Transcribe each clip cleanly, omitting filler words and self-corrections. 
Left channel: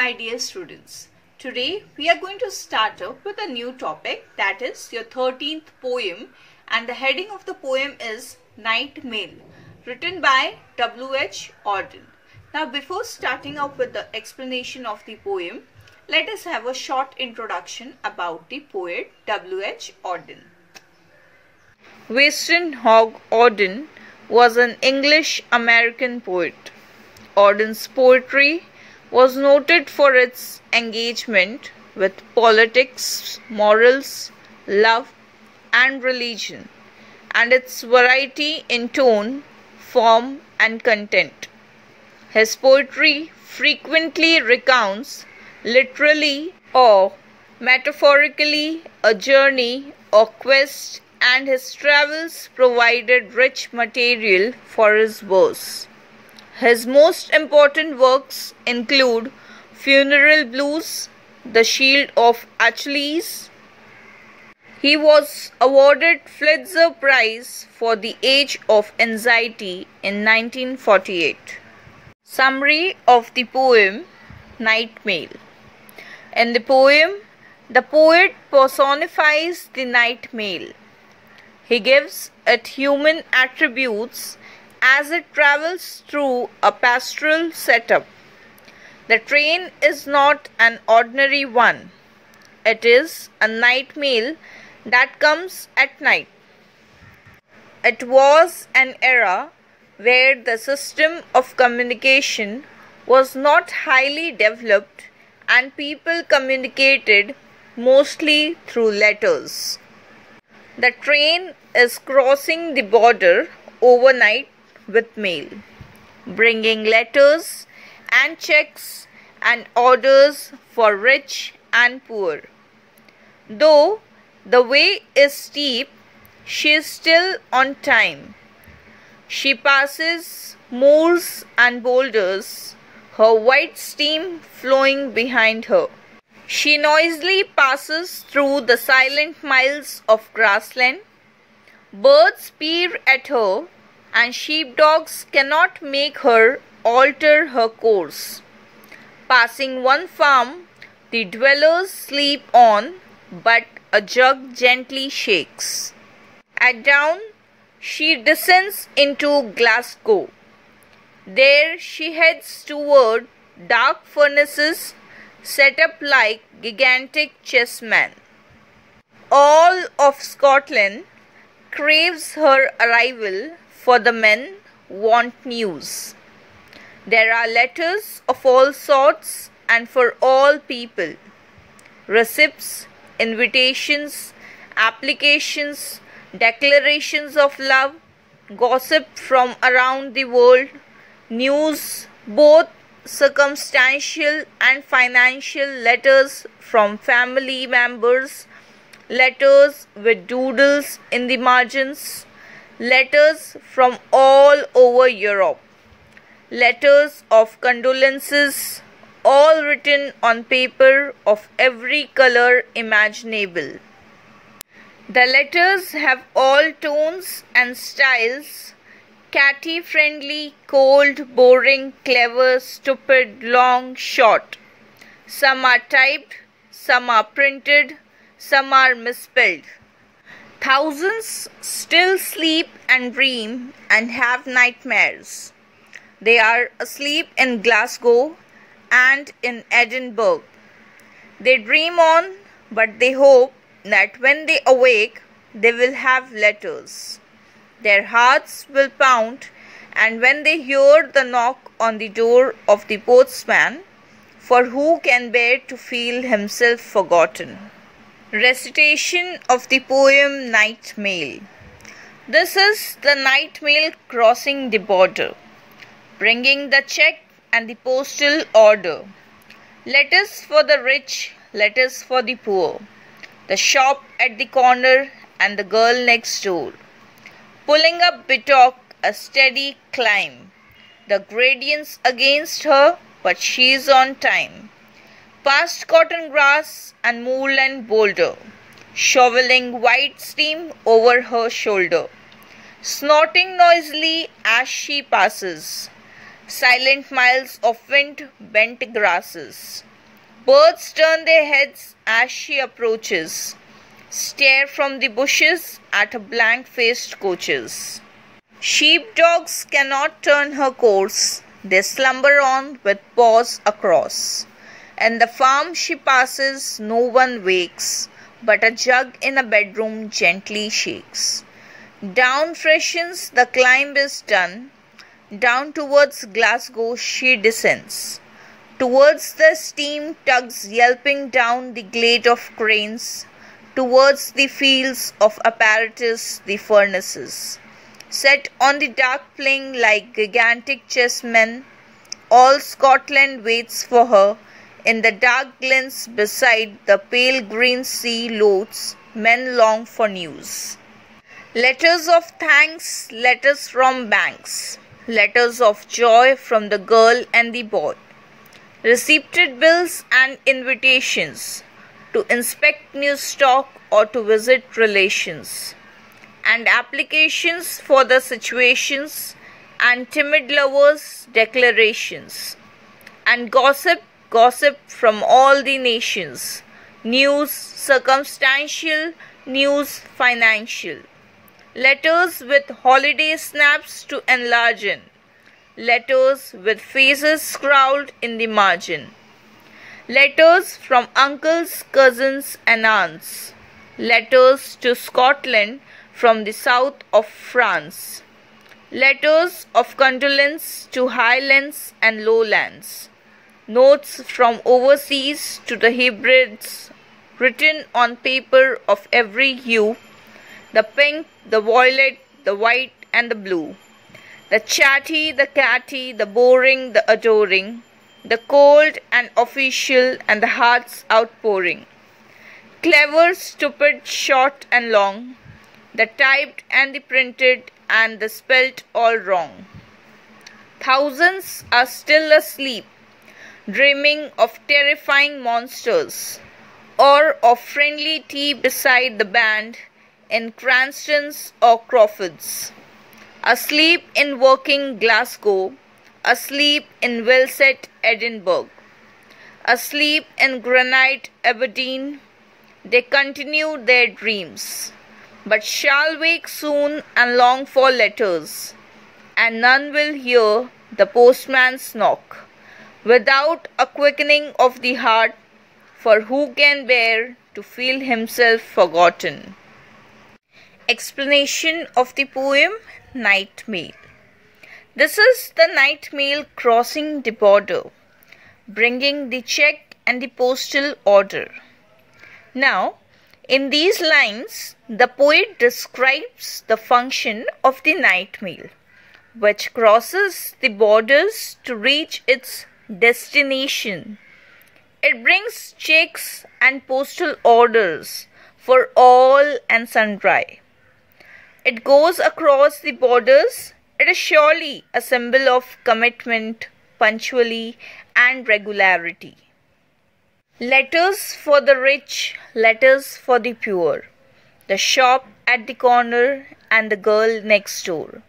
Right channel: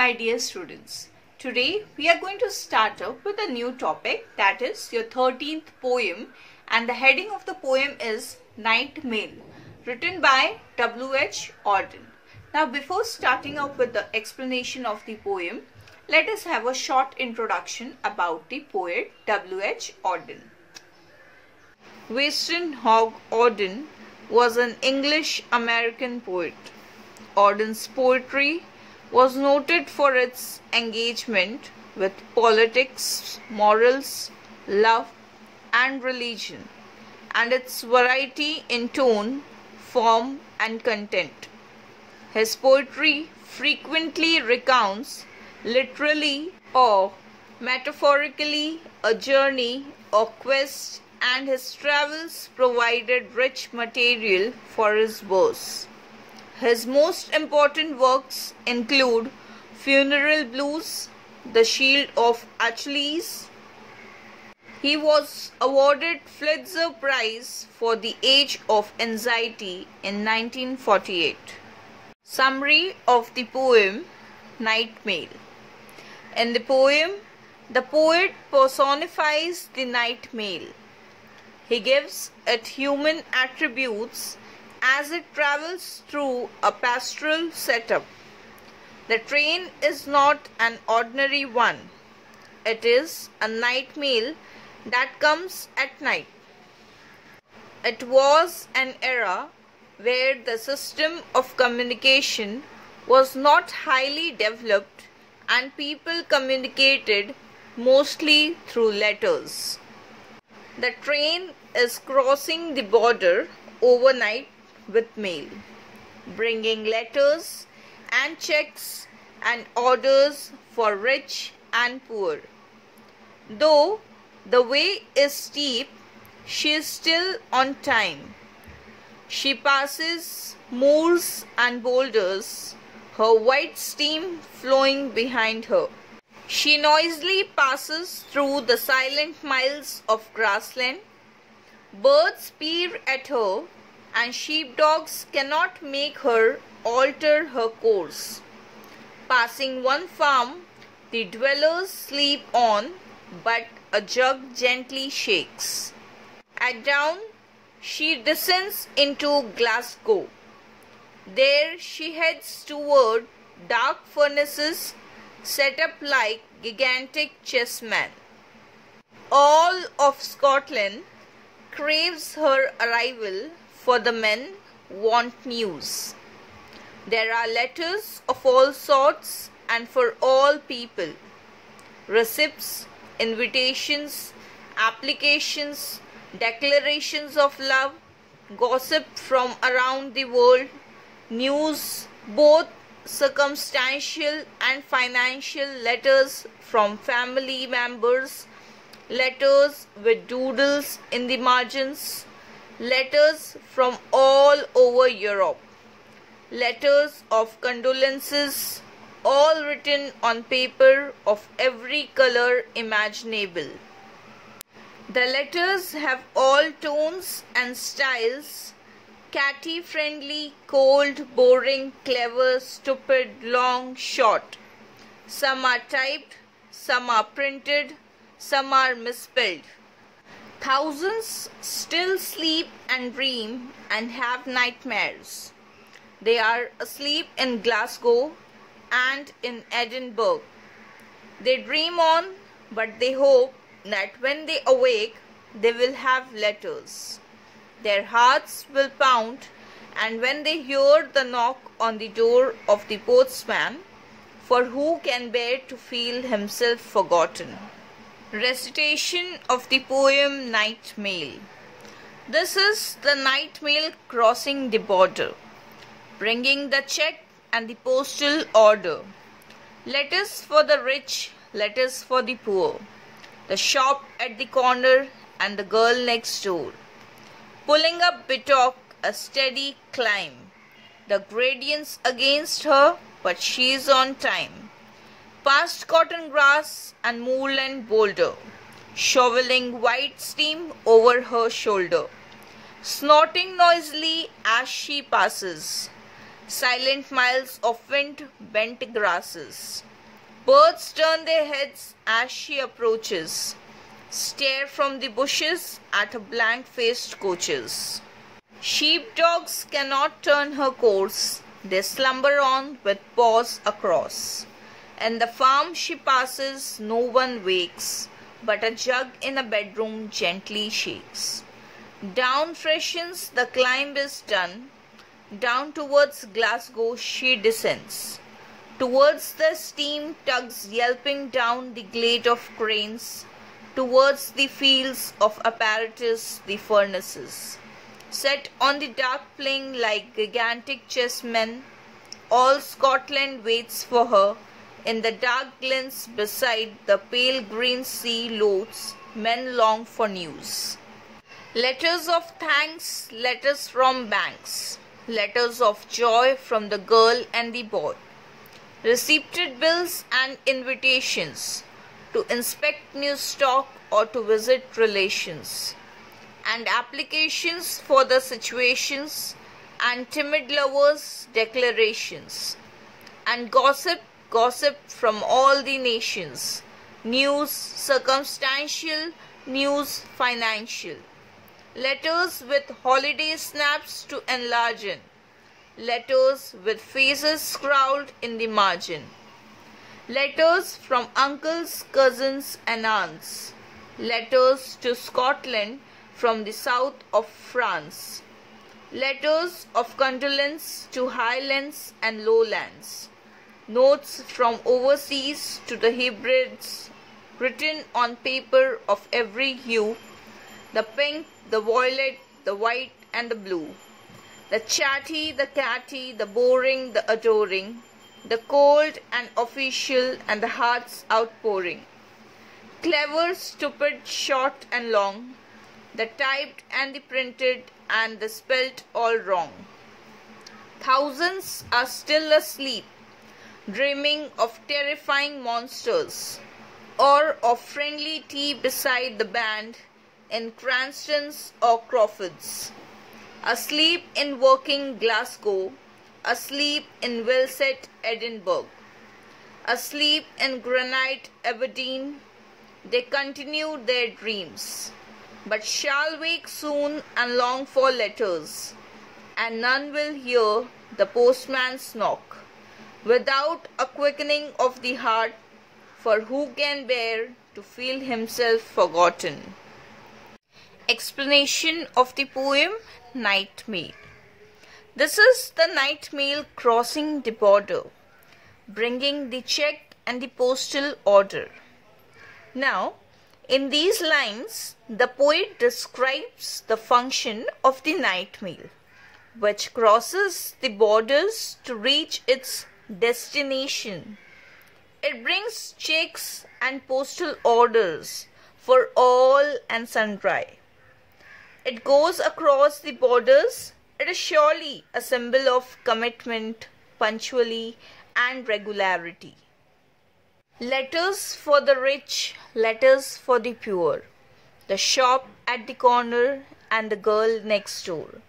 my dear students. Today we are going to start up with a new topic, that is your 13th poem, and the heading of the poem is Night Mail, written by W.H. Auden. Now before starting up with the explanation of the poem, let us have a short introduction about the poet W.H. Auden. Weston Hogg Auden was an English-American poet. Auden's poetry was noted for its engagement with politics, morals, love, and religion, and its variety in tone, form, and content. His poetry frequently recounts, literally or metaphorically, a journey or quest, and his travels provided rich material for his verse. His most important works include Funeral Blues, The Shield of Achilles. He was awarded Pulitzer Prize for The Age of Anxiety in 1948. Summary of the poem Night Mail. In the poem, the poet personifies the night mail. He gives it human attributes as it travels through a pastoral setup. The train is not an ordinary one. It is a night mail that comes at night. It was an era where the system of communication was not highly developed and people communicated mostly through letters. The train is crossing the border overnight with mail, bringing letters and checks and orders for rich and poor. Though the way is steep, she is still on time. She passes moors and boulders, her white steam flowing behind her. She noisily passes through the silent miles of grassland. Birds peer at her, and sheepdogs cannot make her alter her course. Passing one farm, the dwellers sleep on, but a jug gently shakes. At dawn, she descends into Glasgow. There she heads toward dark furnaces set up like gigantic chessmen. All of Scotland craves her arrival, for the men want news. There are letters of all sorts and for all people. Receipts, invitations, applications, declarations of love, gossip from around the world, news, both circumstantial and financial, letters from family members, letters with doodles in the margins, letters from all over Europe, letters of condolences, all written on paper of every color imaginable. The letters have all tones and styles: catty, friendly, cold, boring, clever, stupid, long, short. Some are typed, some are printed, some are misspelled. Thousands still sleep and dream and have nightmares. They are asleep in Glasgow and in Edinburgh. They dream on, but they hope that when they awake, they will have letters. Their hearts will pound, and when they hear the knock on the door of the postman, for who can bear to feel himself forgotten? Recitation of the poem Night Mail. This is the night mail crossing the border, bringing the check and the postal order. Letters for the rich, letters for the poor, the shop at the corner and the girl next door. Pulling up betook a steady climb, the gradients against her, but she is on time. Past cotton grass and moorland boulder, shoveling white steam over her shoulder, snorting noisily as she passes. Silent miles of wind-bent grasses, Birds turn their heads as she approaches, stare from the bushes at her blank-faced coaches. Sheepdogs cannot turn her course, they slumber on with paws across. In the farm she passes, no one wakes, but a jug in a bedroom gently shakes. Down freshens, the climb is done, down towards Glasgow she descends. Towards the steam tugs yelping down the glade of cranes, towards the fields of apparatus, the furnaces. Set on the dark plain like gigantic chessmen, all Scotland waits for her. In the dark glens beside the pale green sea loads, men long for news. Letters of thanks, letters from banks, letters of joy from the girl and the boy. Receipted bills and invitations to inspect new stock or to visit relations, and applications for the situations, and timid lovers' declarations, and gossip from all the nations, news circumstantial, news financial, letters with holiday snaps to enlarge in, letters with faces scrawled in the margin, letters from uncles, cousins and aunts, letters to Scotland from the south of France, letters of condolence to highlands and lowlands, notes from overseas to the hybrids written on paper of every hue, the pink, the violet, the white and the blue. The chatty, the catty, the boring, the adoring, the cold and official and the heart's outpouring. Clever, stupid, short and long, the typed and the printed and the spelt all wrong. Thousands are still asleep, dreaming of terrifying monsters, or of friendly tea beside the band in Cranston's or Crawford's. Asleep in working Glasgow, asleep in well-set Edinburgh, asleep in granite Aberdeen, they continue their dreams, but shall wake soon and long for letters, and none will hear the postman's knock, without a quickening of the heart, for who can bear to feel himself forgotten? Explanation of the poem Night Mail. This is the night mail crossing the border, bringing the check and the postal order. Now, in these lines, the poet describes the function of the night mail, which crosses the borders to reach its destination. It brings checks and postal orders for all and sundry. It goes across the borders. It is surely a symbol of commitment, punctuality, and regularity. Letters for the rich, letters for the poor, the shop at the corner, and the girl next door.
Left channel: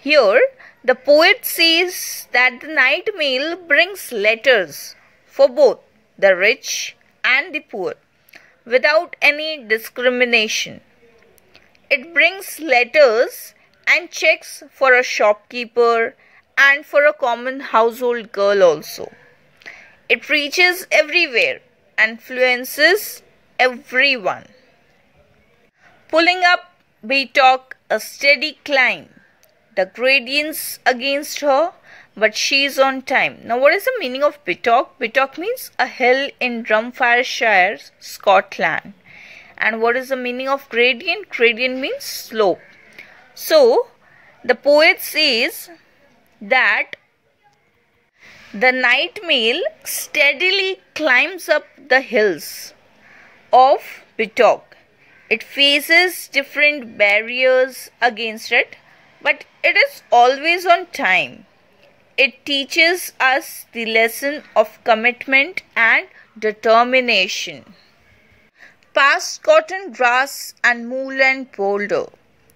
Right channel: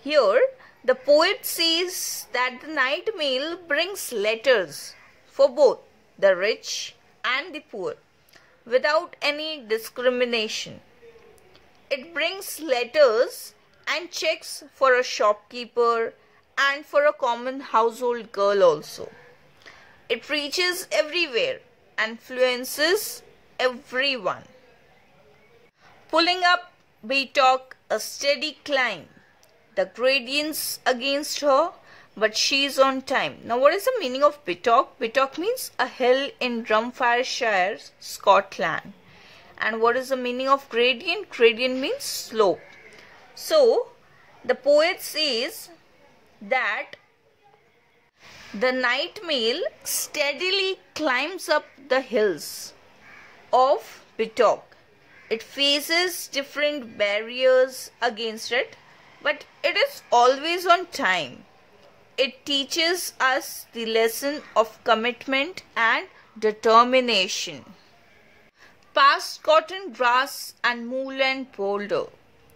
Here, the poet says that the night mail brings letters for both the rich and the poor, without any discrimination. It brings letters and checks for a shopkeeper and for a common household girl also. It reaches everywhere and influences everyone. Pulling up, we talk a steady climb. The gradients against her, but she's on time. Now, what is the meaning of Bittock? Bittock means a hill in Dumfriesshire, Scotland. And what is the meaning of gradient? Gradient means slope. So, the poet says that the night mail steadily climbs up the hills of Bittock. It faces different barriers against it, but it is always on time. It teaches us the lesson of commitment and determination. Past cotton grass and moorland boulder.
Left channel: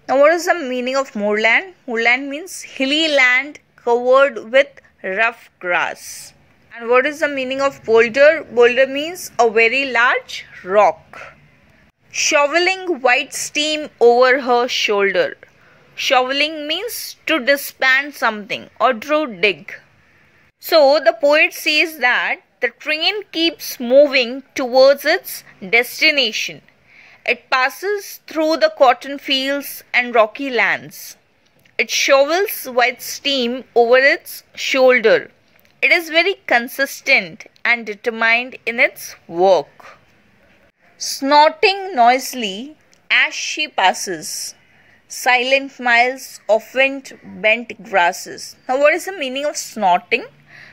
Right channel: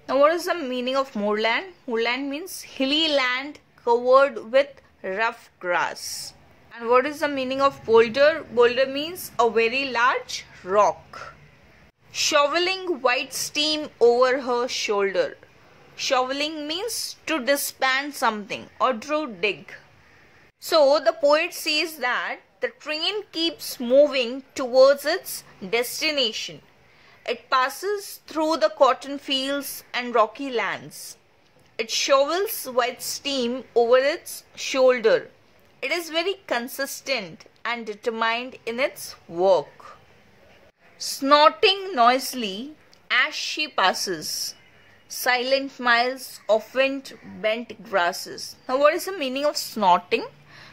Now, what is the meaning of moorland? Moorland means hilly land covered with rough grass. And what is the meaning of boulder? Boulder means a very large rock. Shoveling white steam over her shoulder. Shoveling means to disband something or to dig. So the poet says that the train keeps moving towards its destination. It passes through the cotton fields and rocky lands. It shovels white steam over its shoulder. It is very consistent and determined in its work. Snorting noisily as she passes. Silent miles of wind bent grasses. Now what is the meaning of snorting?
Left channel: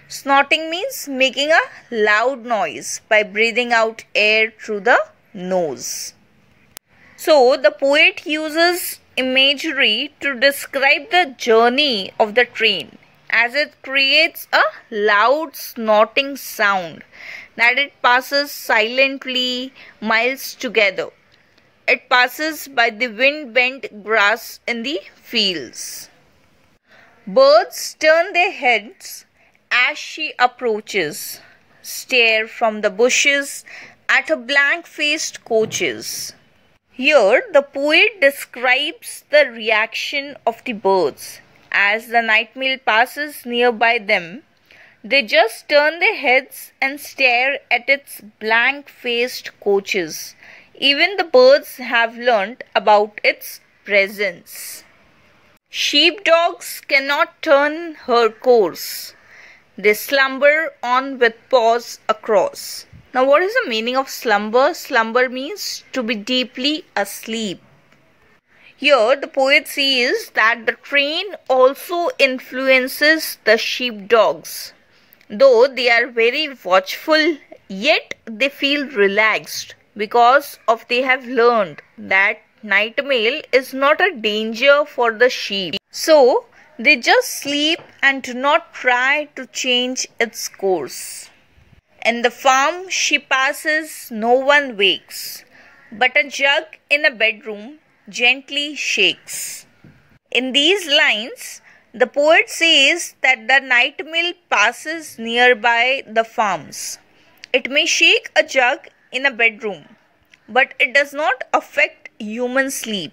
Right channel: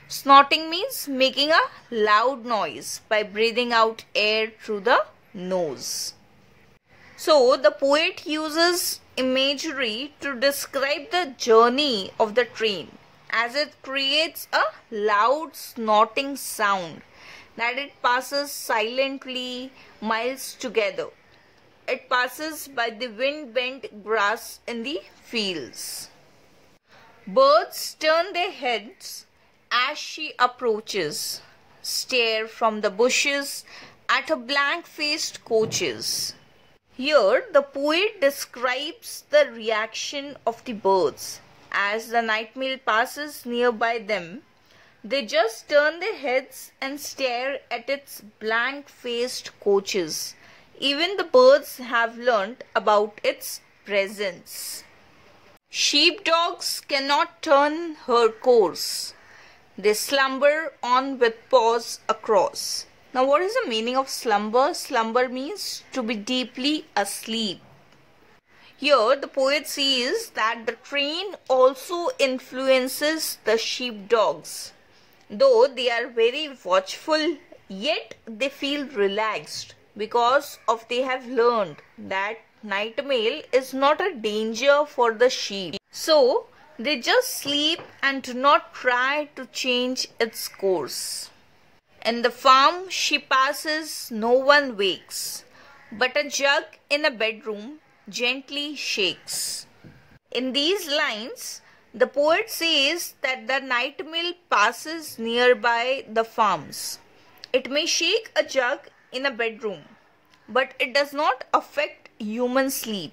Snorting means making a loud noise by breathing out air through the nose. So the poet uses imagery to describe the journey of the train, as it creates a loud snorting sound that it passes silently miles together. It passes by the wind-bent grass in the fields. Birds turn their heads as she approaches, stare from the bushes at her blank-faced coaches. Here, the poet describes the reaction of the birds. As the night mail passes nearby them, they just turn their heads and stare at its blank-faced coaches. Even the birds have learnt about its presence. Sheepdogs cannot turn her course. They slumber on with paws across. Now what is the meaning of slumber? Slumber means to be deeply asleep. Here the poet says that the train also influences the sheepdogs. Though they are very watchful, yet they feel relaxed because they have learned that night mail is not a danger for the sheep. So they just sleep and do not try to change its course. In the farm she passes, no one wakes, but a jug in a bedroom gently shakes. In these lines, the poet says that the night mail passes nearby the farms. It may shake a jug in a bedroom, but it does not affect human sleep.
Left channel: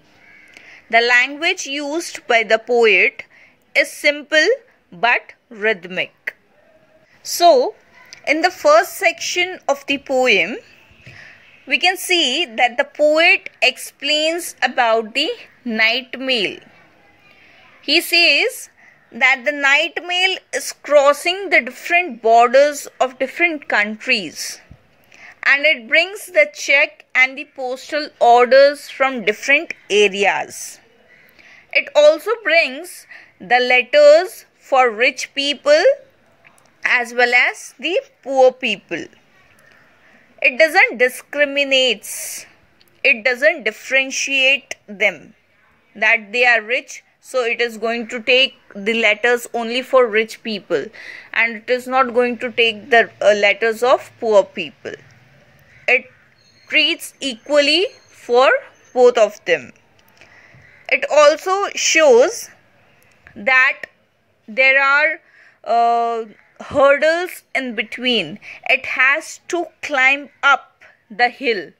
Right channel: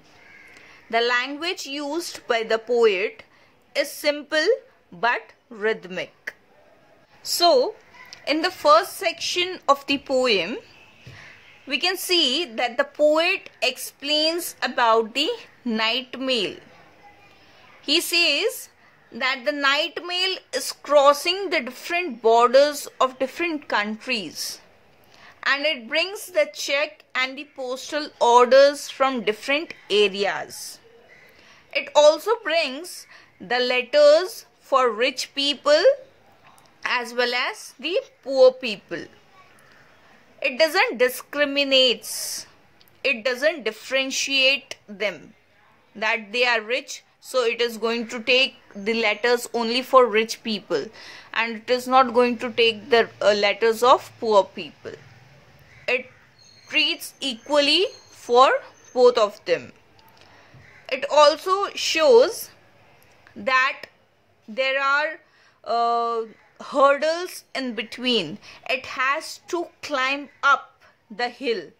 The language used by the poet is simple but rhythmic. So, in the first section of the poem, we can see that the poet explains about the night mail. He says that the night mail is crossing the different borders of different countries, and it brings the check and the postal orders from different areas. It also brings the letters for rich people as well as the poor people. It doesn't discriminate. It doesn't differentiate them that they are rich, so it is going to take the letters only for rich people, and it is not going to take the letters of poor people. It treats equally for both of them. It also shows that there are hurdles in between. It has to climb up the hill,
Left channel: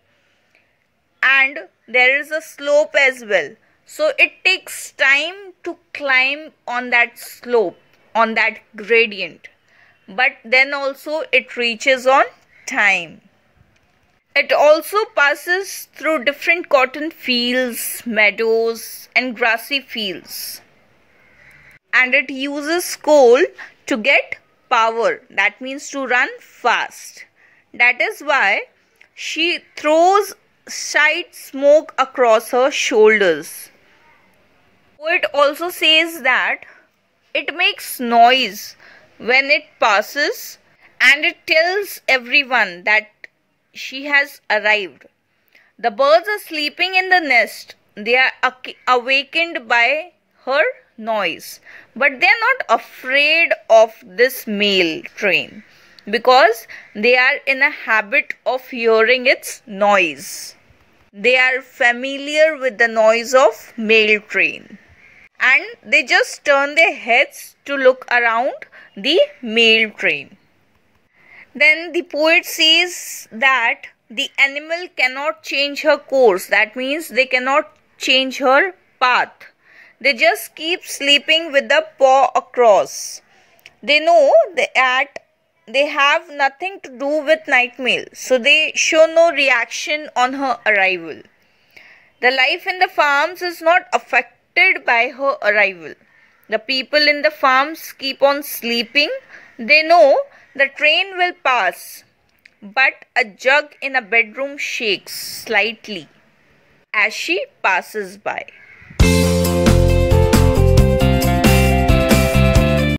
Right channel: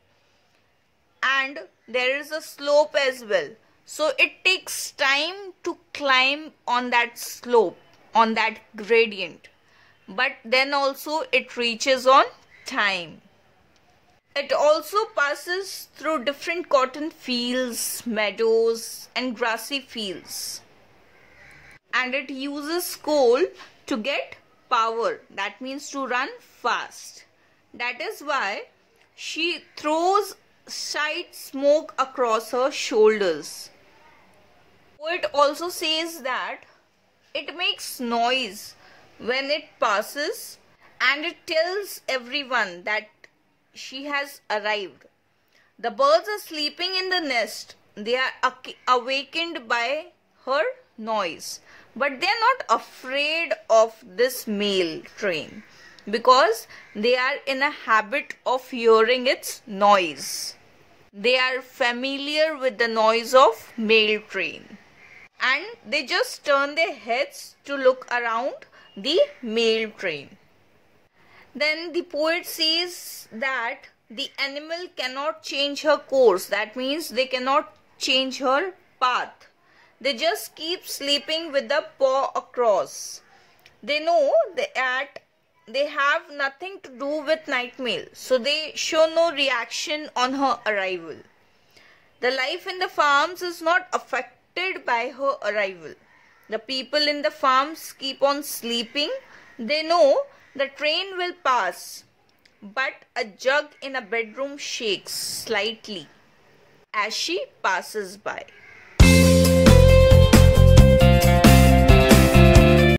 and there is a slope as well. So it takes time to climb on that slope, on that gradient. But then also it reaches on time. It also passes through different cotton fields, meadows and grassy fields. And it uses coal to get power. That means to run fast. That is why she throws side smoke across her shoulders. Poet also says that it makes noise when it passes, and it tells everyone that she has arrived. The birds are sleeping in the nest. They are awakened by her noise. But they are not afraid of this mail train because they are in a habit of hearing its noise. They are familiar with the noise of mail train, and they just turn their heads to look around the mail train. Then the poet says that the animal cannot change her course. That means they cannot change her path. They just keep sleeping with the paw across. They know that they have nothing to do with night mail, so they show no reaction on her arrival. The life in the farms is not affected by her arrival. The people in the farms keep on sleeping. They know the train will pass, but a jug in a bedroom shakes slightly as she passes by.